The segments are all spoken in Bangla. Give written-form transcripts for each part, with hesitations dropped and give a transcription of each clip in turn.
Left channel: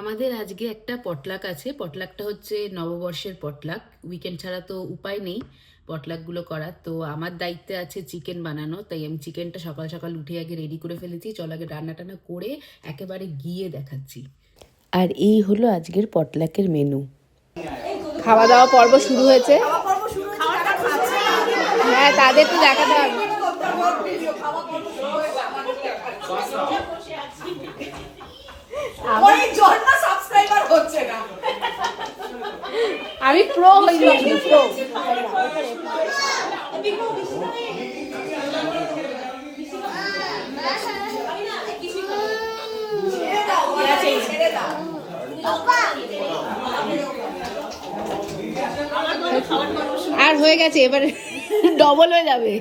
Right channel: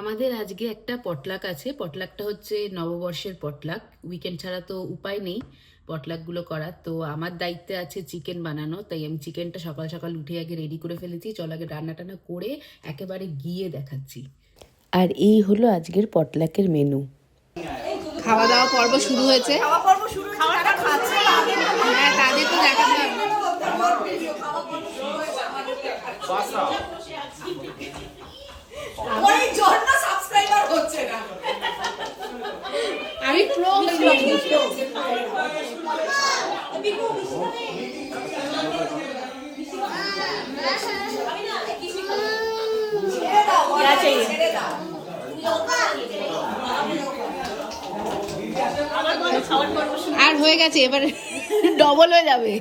আমাদের আজকে একটা পটলাক আছে। পটলাকটা হচ্ছে নববর্ষের পটলাক। উইকেন্ড ছাড়া তো উপায় নেই পটলাকগুলো করার। তো আমার দায়িত্বে আছে চিকেন বানানো, তাই আমি চিকেনটা সকাল সকাল উঠে আগে রেডি করে ফেলেছি। চল আগে রান্না টান্না করে একেবারে গিয়ে দেখাচ্ছি। আর এই হলো আজকের পটলাকের মেনু। খাওয়া দাওয়া পর্ব শুরু হয়েছে। হ্যাঁ, তাদের তো দেখাতে হবে। আমি প্রো হয়ে যাব। আর হয়ে গেছে, এবারে ডবল হয়ে যাবে।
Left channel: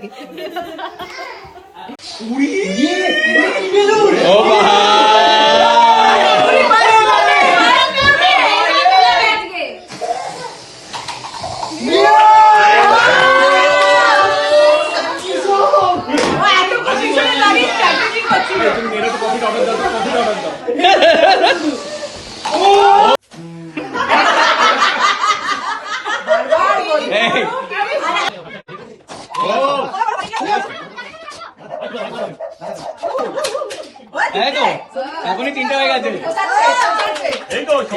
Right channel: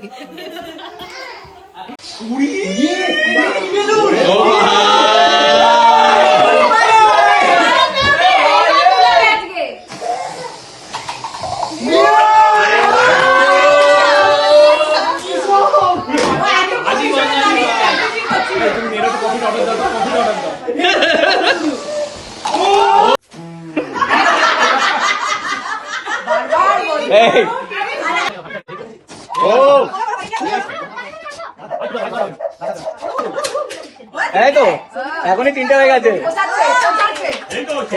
এখনই 3টা হয়ে গেছে।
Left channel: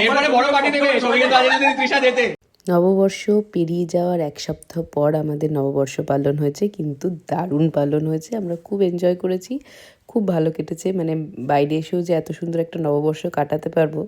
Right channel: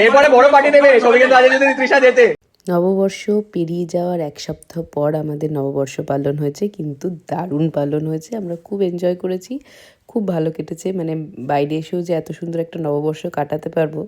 এরপরে বড় পার্টি দেবে, সবাইকে যদি তৃষা যেতে। নববর্ষ পেরিয়ে যাওয়ার এক সপ্তাহ পর আমাদের নববর্ষ পালন হয়েছে, কিন্তু দারুণ পালন হয়েছে। আমরা খুব এনজয় করেছি, খুব ভালো কেটেছে। মানে বাইরে এসেও যে এত সুন্দর একটা নববর্ষ কাটাতে পারবো